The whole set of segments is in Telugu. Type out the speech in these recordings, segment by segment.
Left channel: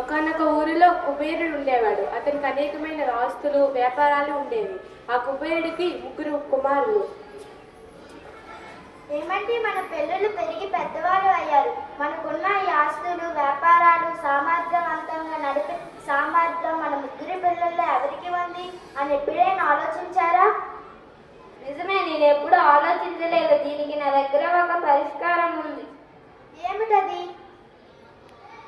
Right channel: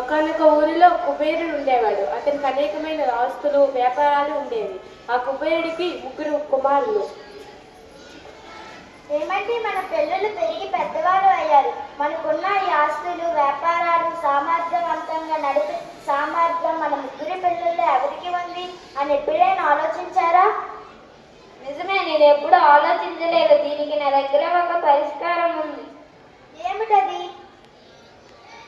ఒకనొక ఊరిలో కుబేరుడు ఉండేవాడు. అతనికి అనేకమైన ఆస్తులు వ్యాపారాలు ఉండేవి. ఆ కుబేరుడికి 3 కుమారులు. ఏమంటే మన పిల్లలు పెరిగి పెద్దవారు అయ్యారు. మనకున్న ఈ ఆస్తులు వ్యాపారాలు సామర్థ్యవంతంగా నడిపే సామర్థ్యం మన 3 పిల్లల్లో ఎవరికి ఉంది అని ఎప్పుడైనా ఆలోచించారా? నిజమే, నేను ఎప్పుడు ఆలోచించలేదు. దీనికి నా దగ్గర ఒక పరిష్కారం ఉంది. ఏమిటది?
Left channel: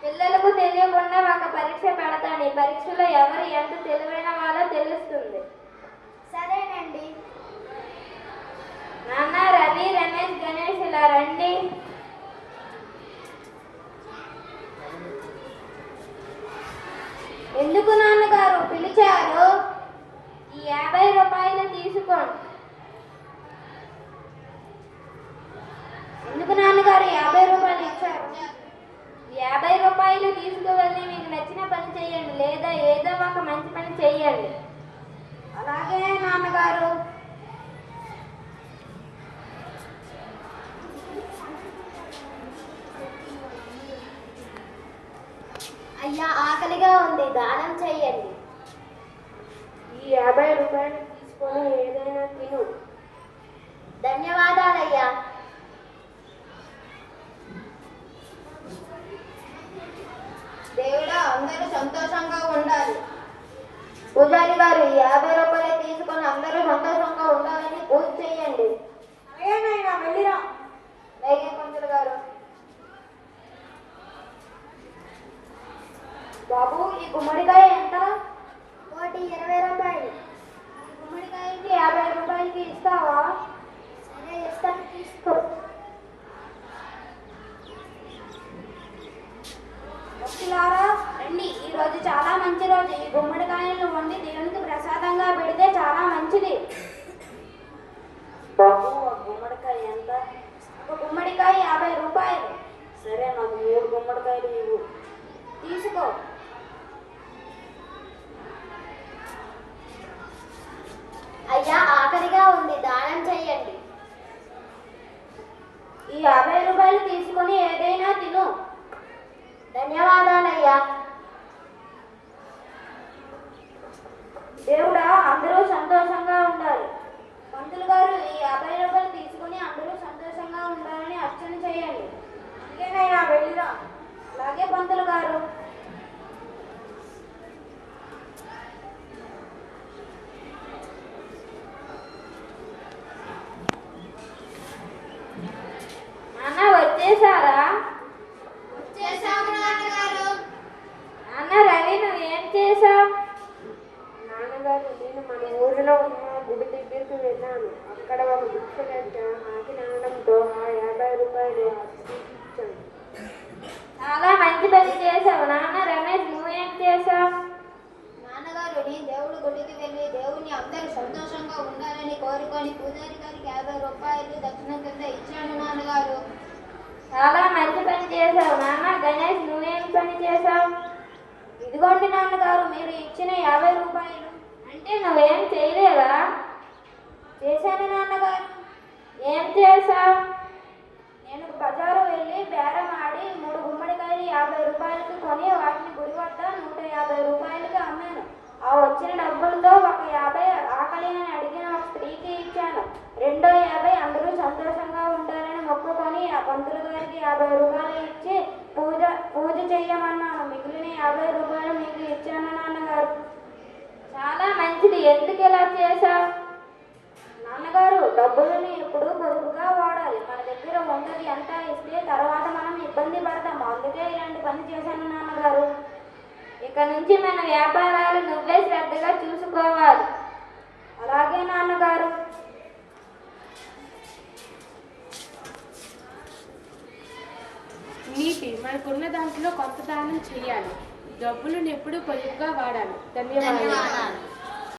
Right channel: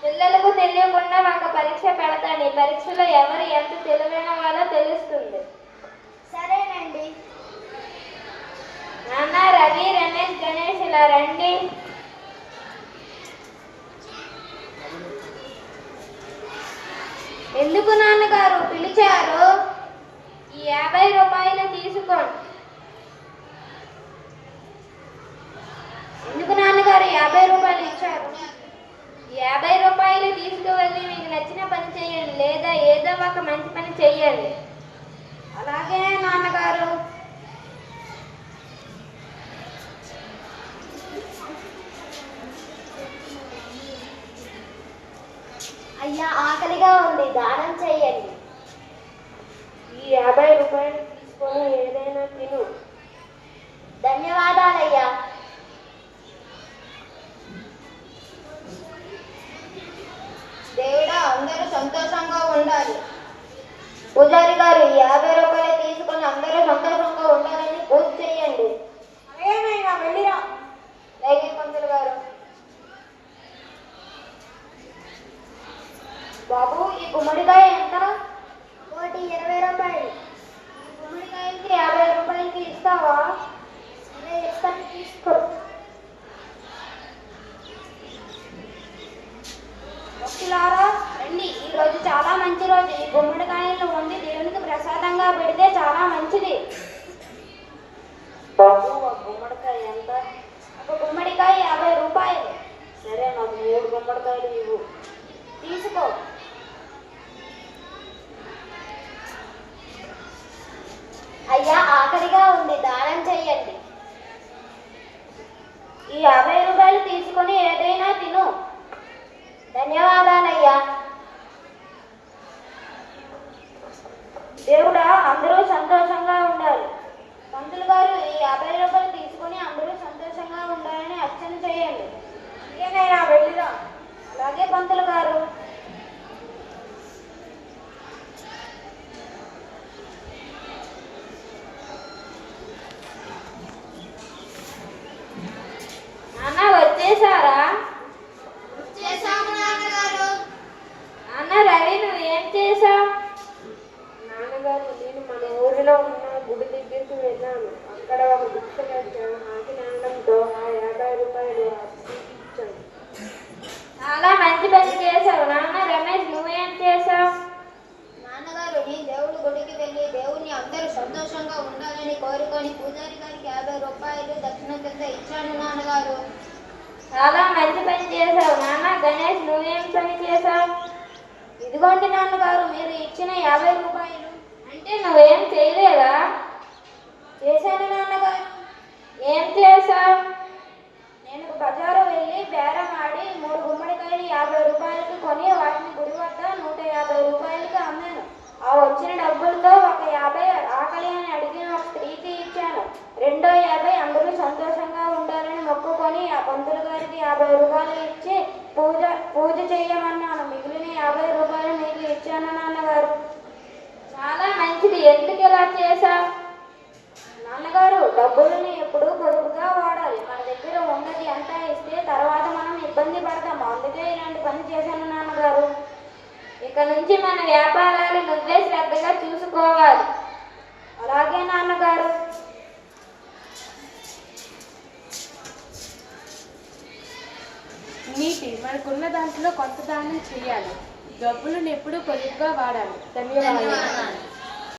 పిల్లలకు తెలియకుండా ఒక పరీక్ష పెడతాను. ఈ పరీక్షలో ఎవరు ఎంత తెలివైన వాళ్ళో తెలుస్తుంది. సరేనండి. నాన్న, రవి, రమేష్, గణేష్ ఇలా రండి. ఎందుకు నాన్నగారు పిలిచారు? ఈ 50 రూపాయలు తీసుకోండి. ఎందుకు నాన్నగారు 50 రూపాయలు ఇచ్చారు? 50 రూపాయలు తీసుకువెళ్ళి మీకు నచ్చిన పని చేయండి, లేదా ఏదో ఒక మంచి పని చేయండి. అలాగే నాన్నగారు. అయ్యా, ఆకలిగా ఉంది, దానం చెయ్యండి. ఈ 50 రూపాయలు తీసుకొని ఏదైనా తిను. ధన్యవాదాలయ్యా. దేవుడా, అందరూ సంతోషంగా ఉండాలి. పూజారి గారు, ఈ 50 రూపాయలు తీసుకొని అందరూ సంతోషంగా ఉండాలని పూజ చేయండి. ఏమైనా వెళ్ళిరా. అలాగే పంతులు గారు. బాబు, ఈ గుమ్మడికాయ ఎంత? ఒకటి 20 రూపాయలు. గుమ్మడికాయకి 50 రూపాయలకి ఇస్తావా? సరే, ఇస్తాను, తీసుకో. భక్తులారా రండి, ఈ రోజు చాలా మంచి రోజు. ఈ గుమ్మడికాయలను వండి దేవునికి ప్రసాదంగా పెడితే చాలా మంచిది. బాబు, ఆ గుమ్మడికాయ ఎంత? ఒక గుమ్మడికాయ 50 రూపాయలు. సరే, నాకు 3 గుమ్మడికాయలు ఇవ్వు. తీసుకో. అయ్యా, ఆకలిగా ఉంది, దానం చెయ్యండి. ఈ 50 రూపాయలు తీసుకొని ఏదైనా తిను. ధన్యవాదాలయ్యా. దేవుడా, అందరూ సంతోషంగా ఉండాలి. పంతులు గారు, ఈ 50 రూపాయలు తీసుకొని అందరూ సంతోషంగా ఉండాలని అర్చన చేయండి. ఇంకేమైనా వెళ్ళిరా. అలాగే పంతులు గారు. నాన్న, వచ్చేసారా? నాన్న, రవి, నువ్వేం చేశావు? నాన్నగారు, నేను మన ఊరిలో ఉన్న గుడి దగ్గరికి వెళ్ళాను. అక్కడ ఒక భిక్ష ఆకి నానడంతో ఆ 50 రూపాయలు ఇచ్చాను. చాలా మంచి పని చేశావు. నాన్న, రమేష్, నువ్వేం చేశావు? నాన్నగారు, నేను దేవుడి గుడికి వెళ్ళి దేవుని అందరూ సంతోషంగా ఉండాలని కోరుకొని పూజారి గారికి 50 రూపాయలు దక్షిణ కింద ఇచ్చాను నాన్నగారు. చాలా మంచి పని చేశావు. నాన్న, గణేష్, నువ్వేం పని చేశావు? ఇదిగోండి నాన్నగారు, మీరు ఇచ్చిన 50 రూపాయలు. అంటే నువ్వేం చేయలేదా? చేశాను నాన్నగారు. ఏం చేశావు? నేను బజారు వెళ్ళి బేరం ఆడి 3 గుమ్మడికాయలు 50 రూపాయలకి కొని వాటిని గుడి వద్ద 150 రూపాయలకి అమ్మాను. ఆ వచ్చిన డబ్బులతో ఒక 50 ఆకలి అని అడిగిన ఒక స్త్రీకి ఇచ్చాను. రెండో 50 అందరూ సంతోషంగా ఉండాలని మొక్కుకొని ఆ పంతులు గారికి 50 రూపాయలు ఇచ్చి పూజ చేయమన్నాను. మిగిలిన 50 రూపాయలు మీకు ఇచ్చాను నాన్నగారు. చాలా మంచిది. ఎందుకు ఇలా చేశావు? నాన్నగారు, డబ్బులని ఎప్పుడు పొదుపుగా వాడాలి. మన దగ్గర ఉన్నది అంతా ఇస్తే తర్వాత మనం ఇబ్బంది పడతాము. అందుకే ఇలాంటి పని చేశాను నాన్నగారు. ఇక నుంచి మన వ్యాపారాలు నువ్వే శ్రద్ధగా చూసుకోవాలి. అలాగే నాన్నగారు. నీటి మనకున్న దాంట్లో కొంత దానం చేయాలి. డబ్బులను ఎప్పుడూ పొదుపుగా వాడాలి. ధన్యవాదాలు.